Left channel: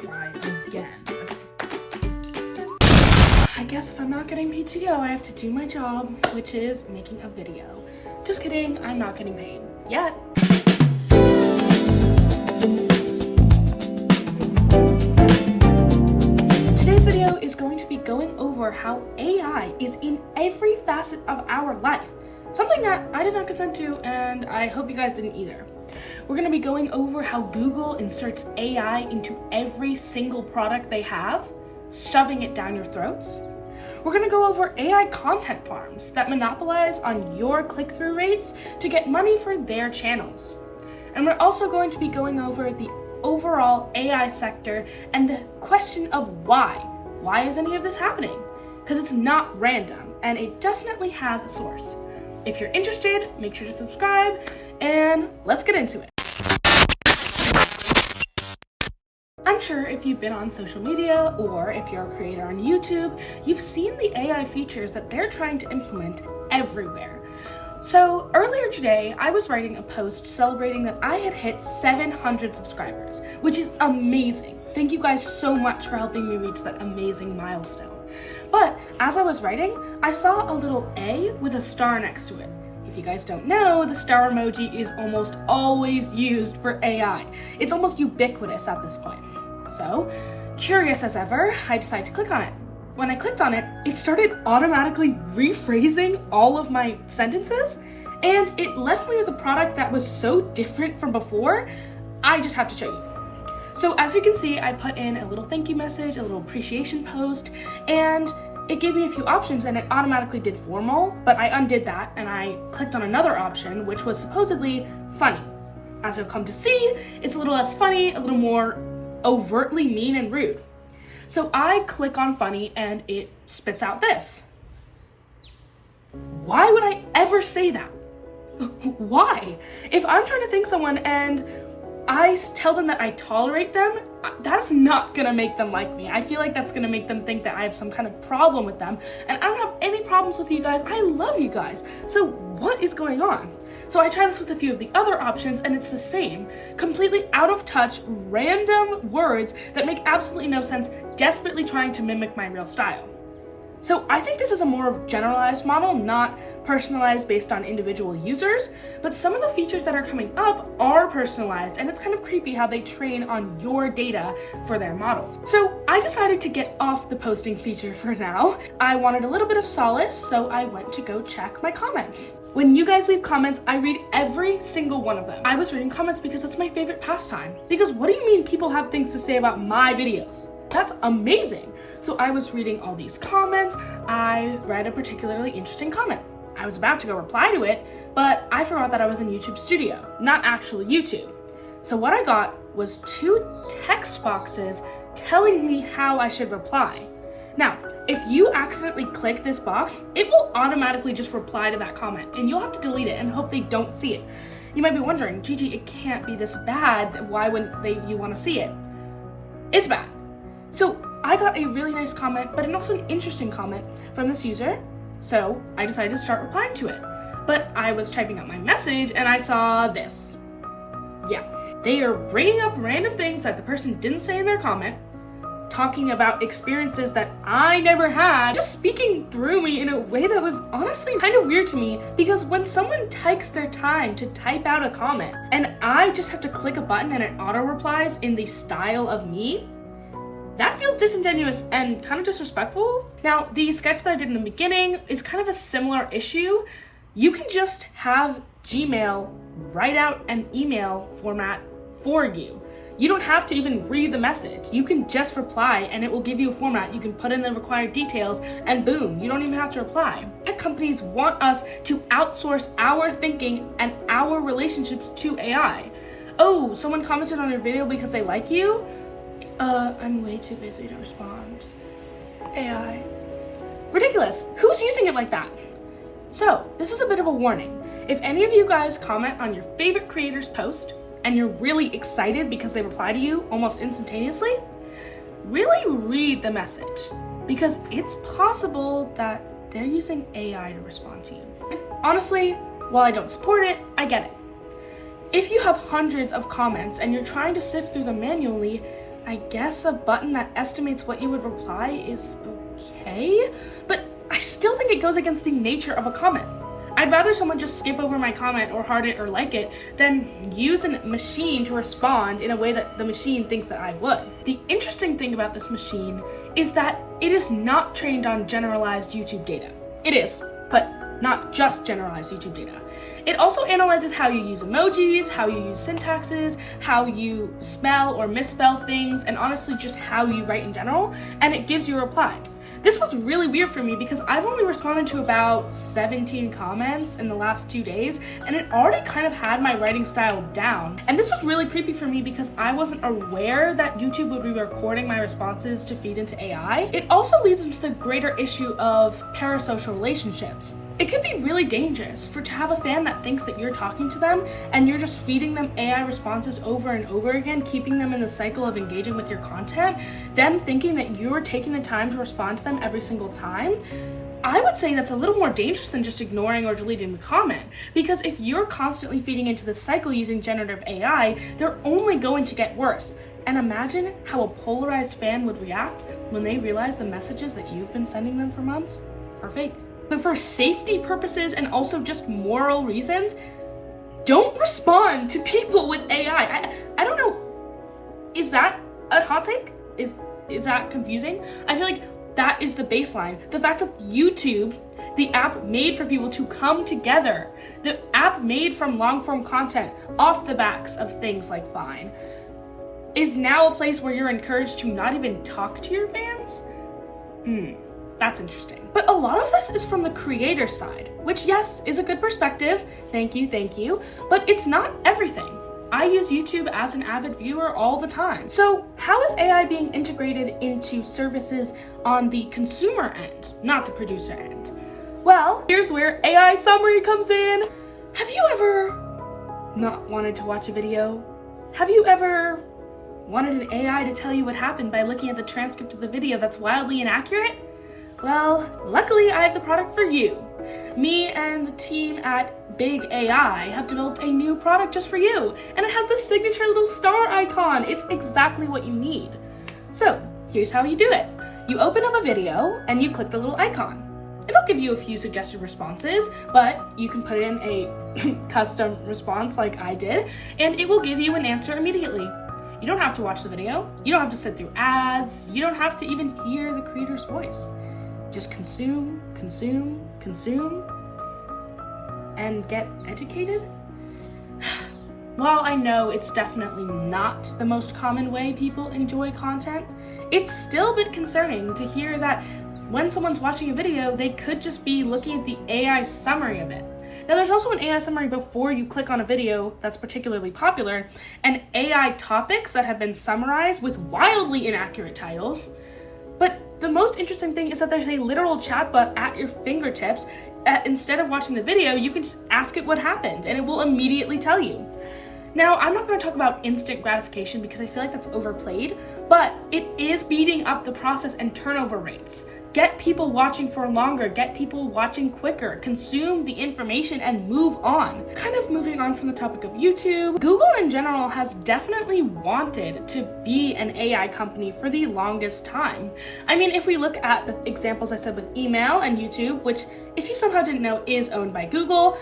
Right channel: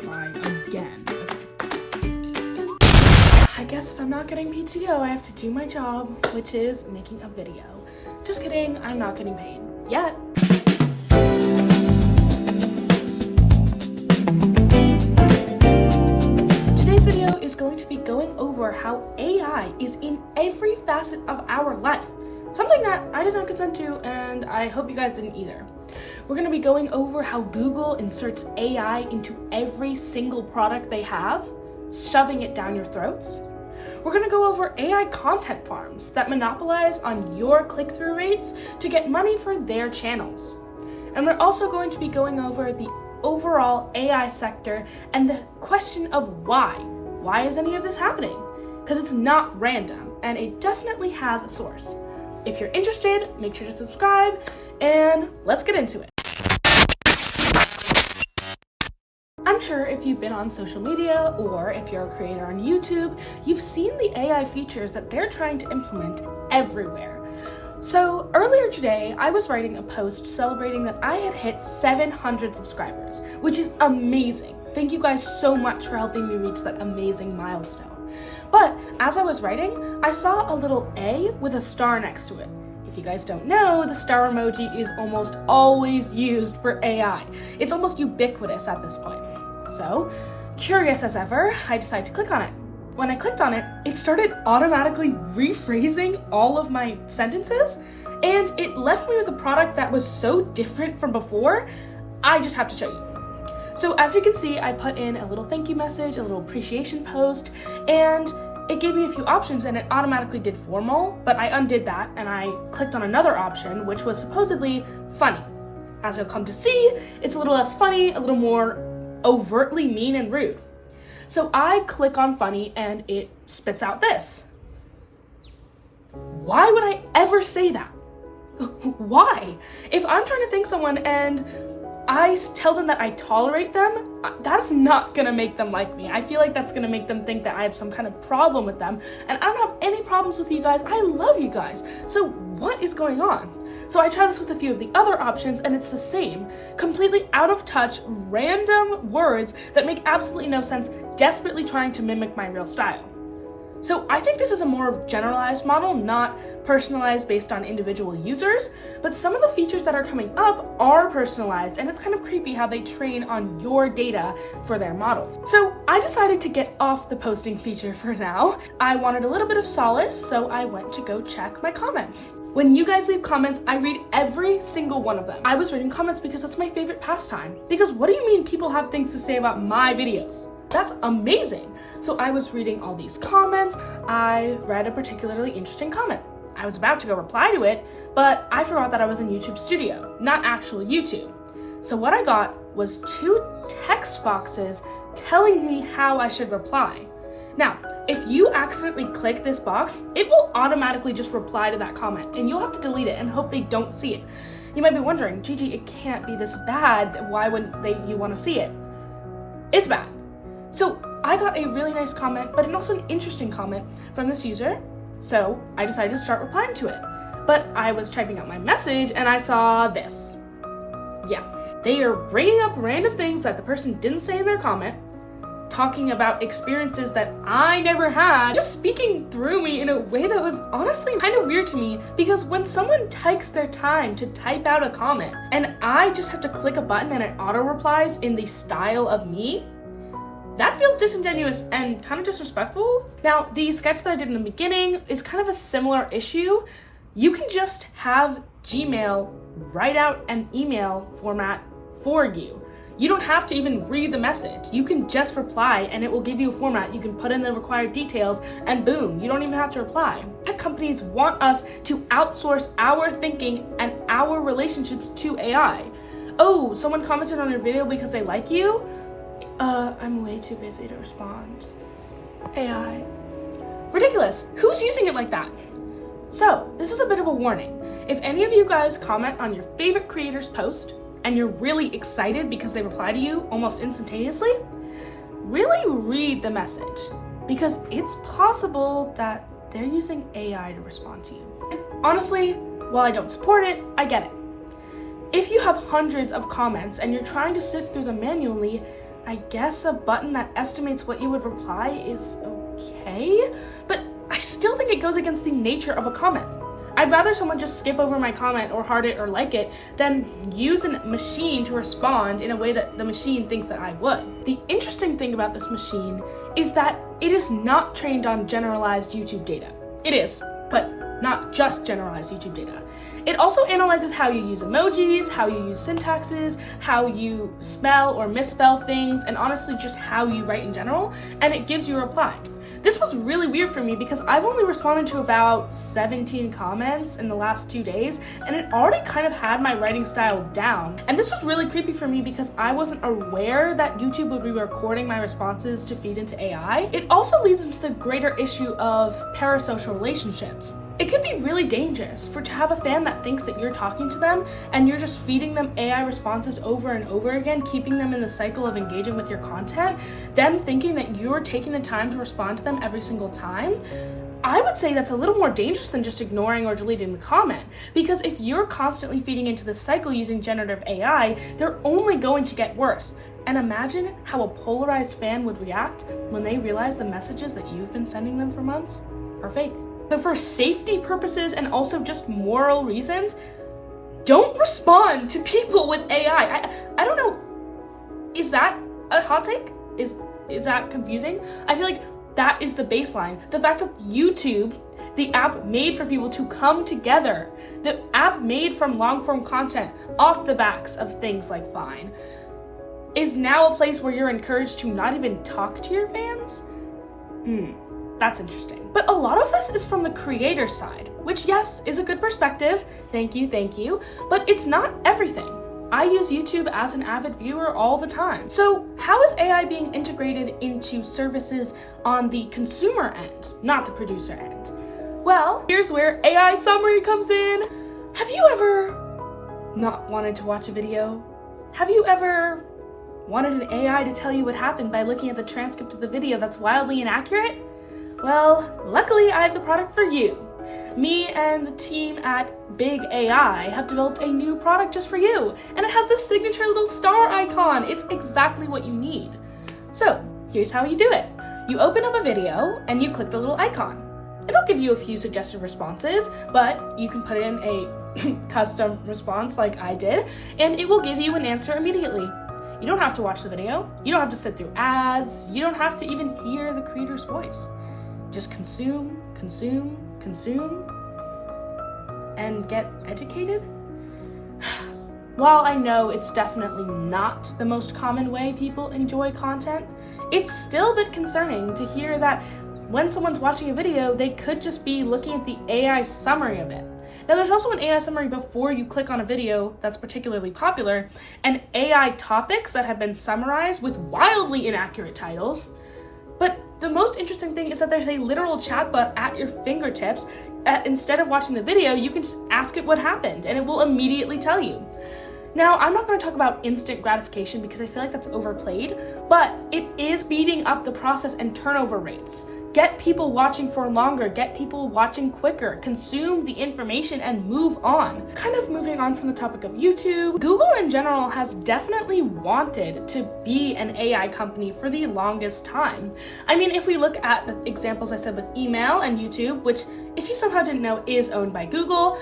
reply again. So, I guess if I'm not getting PTO, I have to do my job, which is making a video. Just kidding, I'm not getting paid yet. Today's video is going to be going over how AI is in every facet of our life. Something that I did not consent to, and I hope you guys didn't either. We're going to be going over how Google inserts AI into every single product they have, shoving it down your throats. We're going to go over AI content farms that monopolize on your click-through rates to get money for their channels. And we're also going to be going over the overall AI sector and the question of why. Why is any of this happening? Because it's not random, and it definitely has a source. If you're interested, make sure to subscribe, and let's get into it. I'm sure if you've been on social media or if you're a creator on YouTube, you've seen the AI features that they're trying to implement everywhere. So earlier today, I was writing a post celebrating that I had hit 700 subscribers, which is amazing. Thank you guys so much for helping me reach that amazing milestone. But as I was writing, I saw a little A with a star next to it. If you guys don't know, the star emoji is almost always used for AI. It's almost ubiquitous at this point. So, curious as ever, I decided to click on it. When I clicked on it, it started automatically rephrasing all of my sentences, and it left me with a product that was so different from before, I just have to show you. So as you can see, I put in a little thank you message, a little appreciation post, and it gave me a few options and it automatically did formal, but I undid that and I clicked on another option, which was supposedly funny. As you'll come to see, it's a little less funny, a little more overtly mean and rude. So I click on funny and it spits out this. Why would I ever say that? Why? If I'm trying to thank someone and I tell them that I tolerate them, that's not gonna make them like me. I feel like that's gonna make them think that I have some kind of problem with them, and I don't have any problems with you guys. I love you guys. So what is going on? So I tried this with a few of the other options, and it's the same. Completely out of touch, random words that make absolutely no sense, desperately trying to mimic my real style. So I think this is a more generalized model, not personalized based on individual users, but some of the features that are coming up are personalized, and it's kind of creepy how they train on your data for their models. So I decided to get off the posting feature for now. I wanted a little bit of solace, so I went to go check my comments. When you guys leave comments, I read every single one of them. I was reading comments because that's my favorite pastime. Because what do you mean people have things to say about my videos? That's amazing. So I was reading all these comments. I read a particularly interesting comment. I was about to go reply to it, but I forgot that I was in YouTube Studio, not actual YouTube. So what I got was 2 text boxes telling me how I should reply. Now, if you accidentally click this box, it will automatically just reply to that comment, and you'll have to delete it and hope they don't see it. You might be wondering, Gigi, it can't be this bad. Why wouldn't you want to see it? It's bad. So I got a really nice comment, but also an interesting comment from this user. So I decided to start replying to it. But I was typing out my message and I saw this. Yeah, they are bringing up random things that the person didn't say in their comment, talking about experiences that I never had, just speaking through me in a way that was honestly kind of weird to me, because when someone takes their time to type out a comment and I just have to click a button and it auto replies in the style of me, that feels disingenuous and kind of disrespectful. Now, the sketch that I did in the beginning is kind of a similar issue. You can just have Gmail write out an email format for you. You don't have to even read the message. You can just reply and it will give you a format. You can put in the required details and boom, you don't even have to reply. Tech companies want us to outsource our thinking and our relationships to AI. Oh, someone commented on your video because they like you? I'm way too busy to respond. AI. Ridiculous. Who's using it like that? So, this is a bit of a warning. If any of you guys comment on your favorite creator's post and you're really excited because they reply to you almost instantaneously, really read the message, because it's possible that they're using AI to respond to you. And honestly, while I don't support it, I get it. If you have hundreds of comments and you're trying to sift through them manually, I guess a button that estimates what you would reply is okay, but I still think it goes against the nature of a comment. I'd rather someone just skip over my comment or heart it or like it than use a machine to respond in a way that the machine thinks that I would. The interesting thing about this machine is that it is not trained on generalized YouTube data. It is, but not just generalized YouTube data. It also analyzes how you use emojis, how you use syntaxes, how you spell or misspell things, and honestly just how you write in general, and it gives you a reply. This was really weird for me because I've only responded to about 17 comments in the last 2 days, and it already kind of had my writing style down. And this was really creepy for me because I wasn't aware that YouTube would be recording my responses to feed into AI. It also leads into the greater issue of parasocial relationships. It could be really dangerous to have a fan that thinks that you're talking to them and you're just feeding them AI responses over and over again, keeping them in the cycle of engaging with your content, them thinking that you're taking the time to respond to them every single time. I would say that's a little more dangerous than just ignoring or deleting the comment, because if you're constantly feeding into this cycle using generative AI, they're only going to get worse. And imagine how a polarized fan would react when they realize the messages that you've been sending them for months are fake. So for safety purposes and also just moral reasons, don't respond to people with AI. I don't know, is that a hot take? Is that confusing? I feel like that is the baseline. The fact that YouTube, the app made for people to come together, the app made from long form content off the backs of things like Vine, is now a place where you're encouraged to not even talk to your fans? That's interesting. But a lot of this is from the creator side, which yes, is a good perspective. Thank you. But it's not everything. I use YouTube as an avid viewer all the time. So how is AI being integrated into services on the consumer end, not the producer end? Well, here's where AI summary comes in. Have you ever not wanted to watch a video? Have you ever wanted an AI to tell you what happened by looking at the transcript of the video that's wildly inaccurate? Well, luckily I have the product for you. Me and the team at Big AI have developed a new product just for you, and it has this signature little star icon. It's exactly what you need. So here's how you do it. You open up a video and you click the little icon. It'll give you a few suggested responses, but you can put in a custom response like I did, and it will give you an answer immediately. You don't have to watch the video. You don't have to sit through ads. You don't have to even hear the creator's voice. Just consume, and get educated? While I know it's definitely not the most common way people enjoy content, it's still a bit concerning to hear that when someone's watching a video, they could just be looking at the AI summary of it. Now, there's also an AI summary before you click on a video that's particularly popular, and AI topics that have been summarized with wildly inaccurate titles. But the most interesting thing is that there's a literal chatbot at your fingertips. Instead of watching the video, you can just ask it what happened, and it will immediately tell you. Now, I'm not going to talk about instant gratification because I feel like that's overplayed, but it is speeding up the process and turnover rates. Get people watching for longer, get people watching quicker, consume the information and move on. Kind of moving on from the topic of YouTube, Google in general has definitely wanted to be an AI company for the longest time. I mean, if we look at the examples I said with email and YouTube, which if you somehow didn't know is owned by Google,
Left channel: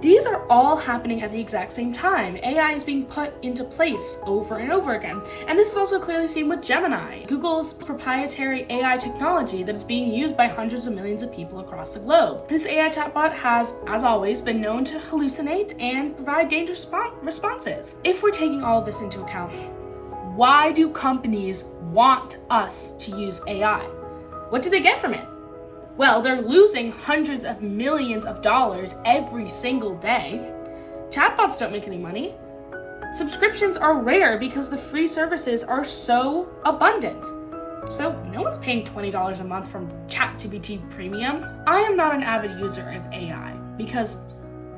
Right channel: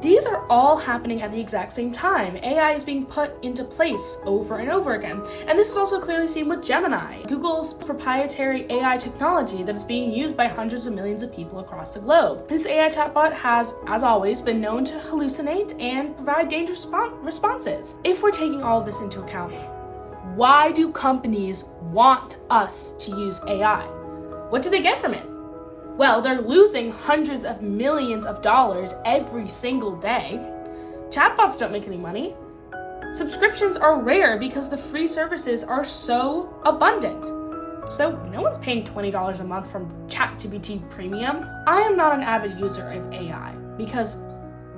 these are all happening at the exact same time. AI is being put into place over and over again. And this is also clearly seen with Gemini, Google's proprietary AI technology that is being used by hundreds of millions of people across the globe. This AI chatbot has, as always, been known to hallucinate and provide dangerous responses. If we're taking all of this into account, why do companies want us to use AI? What do they get from it? Well, they're losing hundreds of millions of dollars every single day. Chatbots don't make any money. Subscriptions are rare because the free services are so abundant. So no one's paying $20 a month from ChatGPT Premium. I am not an avid user of AI because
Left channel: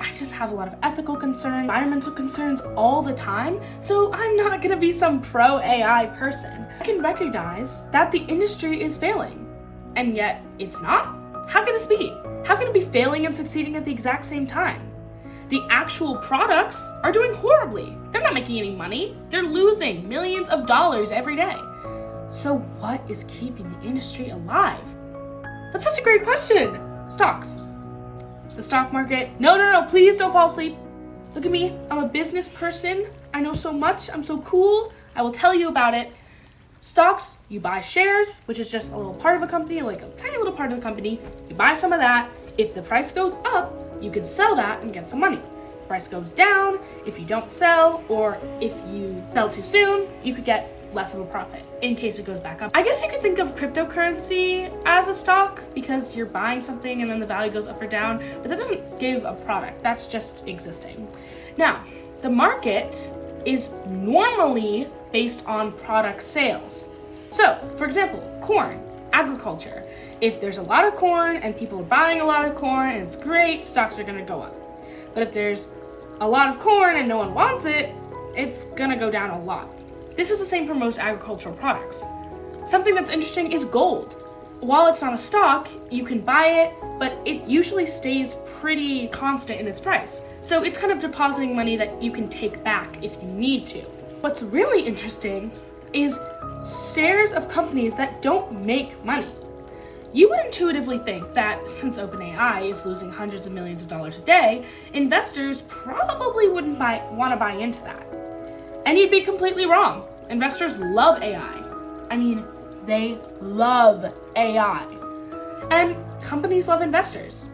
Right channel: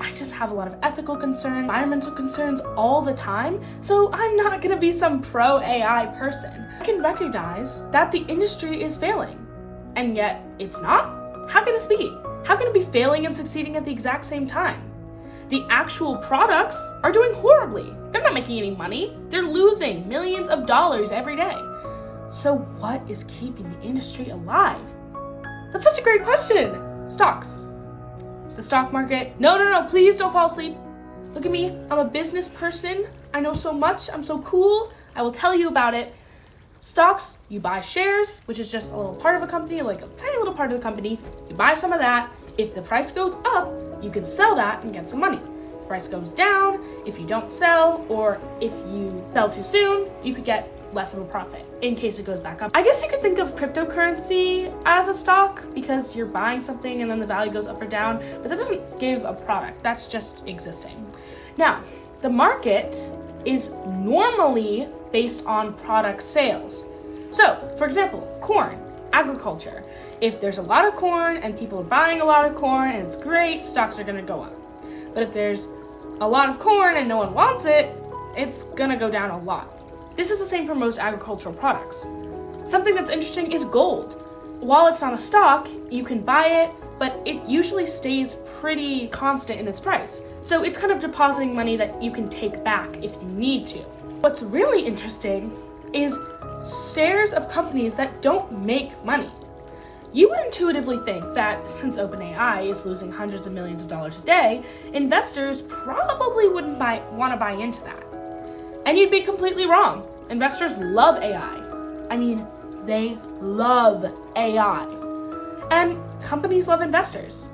I just have a lot of ethical concerns, environmental concerns all the time, so I'm not gonna be some pro AI person. I can recognize that the industry is failing. And yet, it's not? How can this be? How can it be failing and succeeding at the exact same time? The actual products are doing horribly. They're not making any money. They're losing millions of dollars every day. So what is keeping the industry alive? That's such a great question. Stocks. The stock market. No, please don't fall asleep. Look at me. I'm a business person. I know so much. I'm so cool. I will tell you about it. Stocks, you buy shares, which is just a little part of a company, like a tiny little part of the company. You buy some of that. If the price goes up, you can sell that and get some money. If the price goes down, if you don't sell, or if you sell too soon, you could get less of a profit in case it goes back up. I guess you could think of cryptocurrency as a stock because you're buying something and then the value goes up or down, but that doesn't give a product. That's just existing. Now, the market is normally based on product sales. So, for example, corn, agriculture. If there's a lot of corn and people are buying a lot of corn and it's great, stocks are gonna go up. But if there's a lot of corn and no one wants it, it's gonna go down a lot. This is the same for most agricultural products. Something that's interesting is gold. While it's not a stock, you can buy it, but it usually stays pretty constant in its price. So it's kind of depositing money that you can take back if you need to. What's really interesting is shares of companies that don't make money. You would intuitively think that since OpenAI is losing hundreds of millions of dollars a day, investors probably wouldn't want to buy into that. And you'd be completely wrong. Investors love AI. I mean, they love AI. And companies love investors.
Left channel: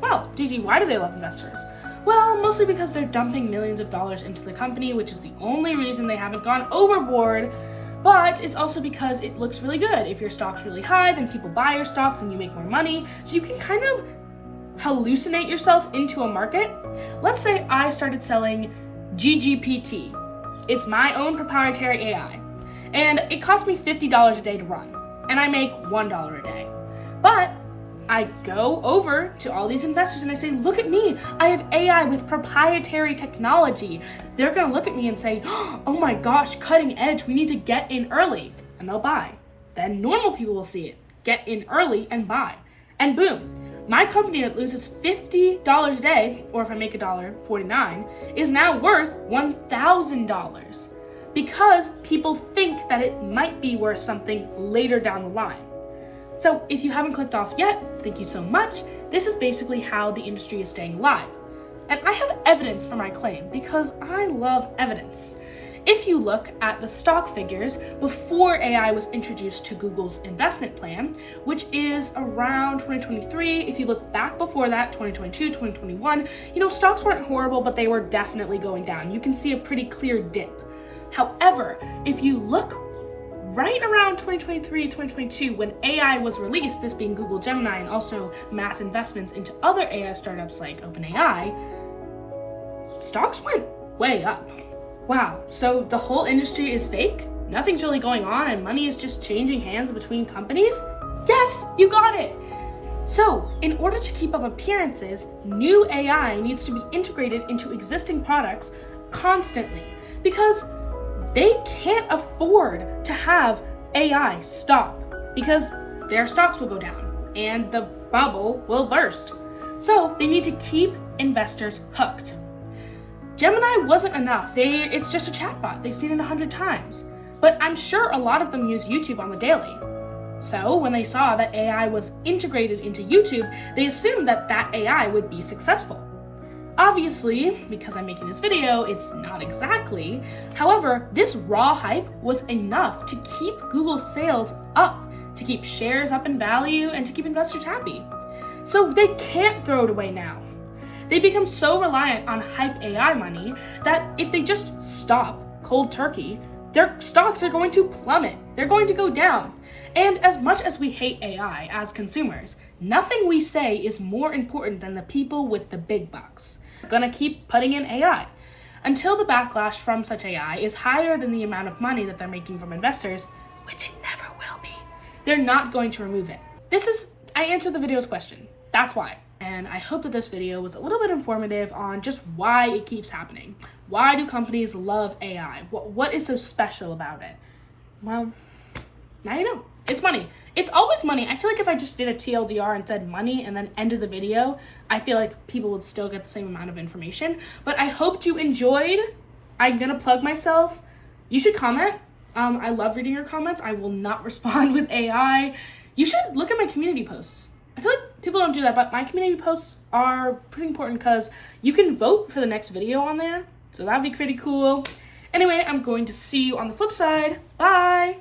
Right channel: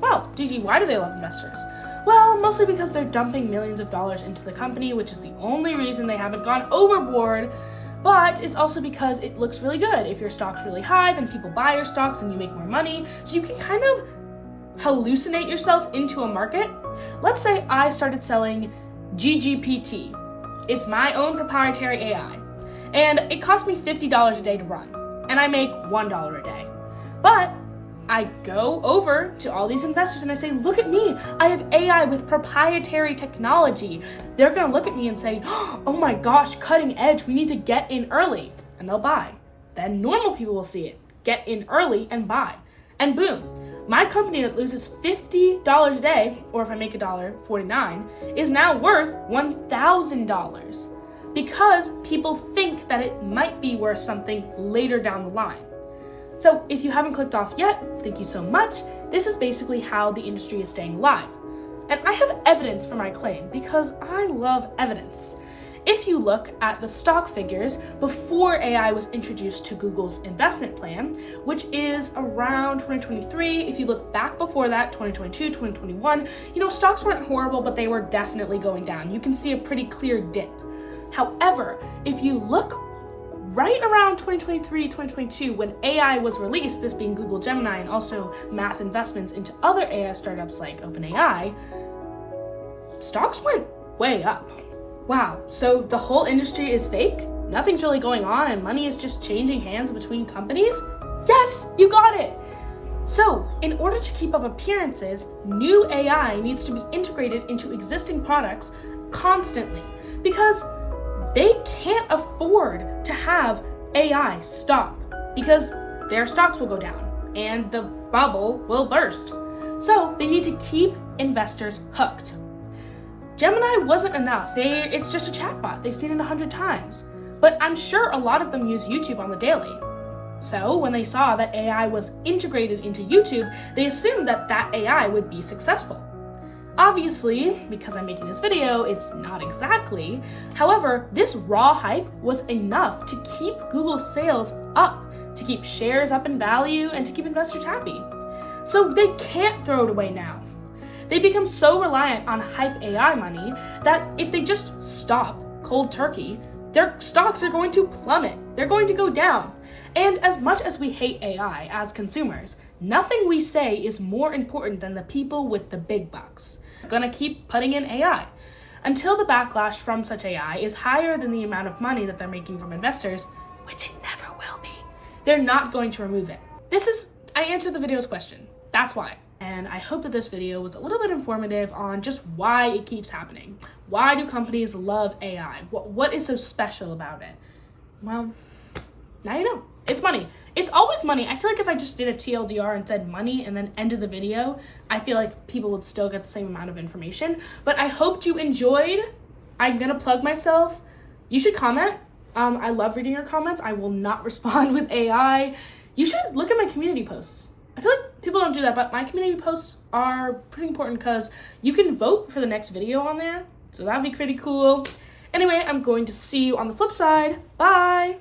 Well, Gigi, why do they love investors? Well, mostly because they're dumping millions of dollars into the company, which is the only reason they haven't gone overboard. But it's also because it looks really good. If your stock's really high, then people buy your stocks and you make more money. So you can kind of hallucinate yourself into a market. Let's say I started selling GGPT. It's my own proprietary AI. And it costs me $50 a day to run. And I make $1 a day. But I go over to all these investors and I say, look at me, I have AI with proprietary technology. They're gonna look at me and say, oh my gosh, cutting edge, we need to get in early. And they'll buy. Then normal people will see it, get in early and buy. And boom, my company that loses $50 a day, or if I make $1.49, is now worth $1,000 because people think that it might be worth something later down the line. So if you haven't clicked off yet, thank you so much. This is basically how the industry is staying alive. And I have evidence for my claim because I love evidence. If you look at the stock figures before AI was introduced to Google's investment plan, which is around 2023, if you look back before that, 2022, 2021, stocks weren't horrible, but they were definitely going down. You can see a pretty clear dip. However, if you look right around 2023, 2022, when AI was released, this being Google Gemini and also mass investments into other AI startups like OpenAI, stocks went way up. Wow, so the whole industry is fake? Nothing's really going on and money is just changing hands between companies? Yes, you got it! So, in order to keep up appearances, new AI needs to be integrated into existing products constantly because they can't afford to have AI stop because their stocks will go down and the bubble will burst. So they need to keep investors hooked. Gemini wasn't enough. It's just a chatbot. They've seen it 100 times. But I'm sure a lot of them use YouTube on the daily. So when they saw that AI was integrated into YouTube, they assumed that that AI would be successful. Obviously, because I'm making this video, it's not exactly. However, this raw hype was enough to keep Google's sales up, to keep shares up in value, and to keep investors happy. So they can't throw it away now. They become so reliant on hype AI money that if they just stop cold turkey, their stocks are going to plummet. They're going to go down. And as much as we hate AI as consumers, nothing we say is more important than the people with the big bucks. We're gonna keep putting in AI until the backlash from such AI is higher than the amount of money that they're making from investors, which it never will be. They're not going to remove it. I answered the video's question. That's why. And I hope that this video was a little bit informative on just why it keeps happening. Why do companies love AI? What is so special about it? Well, now you know. It's money. It's always money. I feel like if I just did a TLDR and said money and then ended the video, I feel like people would still get the same amount of information. But I hoped you enjoyed I'm gonna plug myself. You should comment. I love reading your comments. I will not respond with AI. You should look at my community posts. I feel like people don't do that, but my community posts are pretty important because you can vote for the next video on there. So that'd be pretty cool. Anyway, I'm going to see you on the flip side. Bye!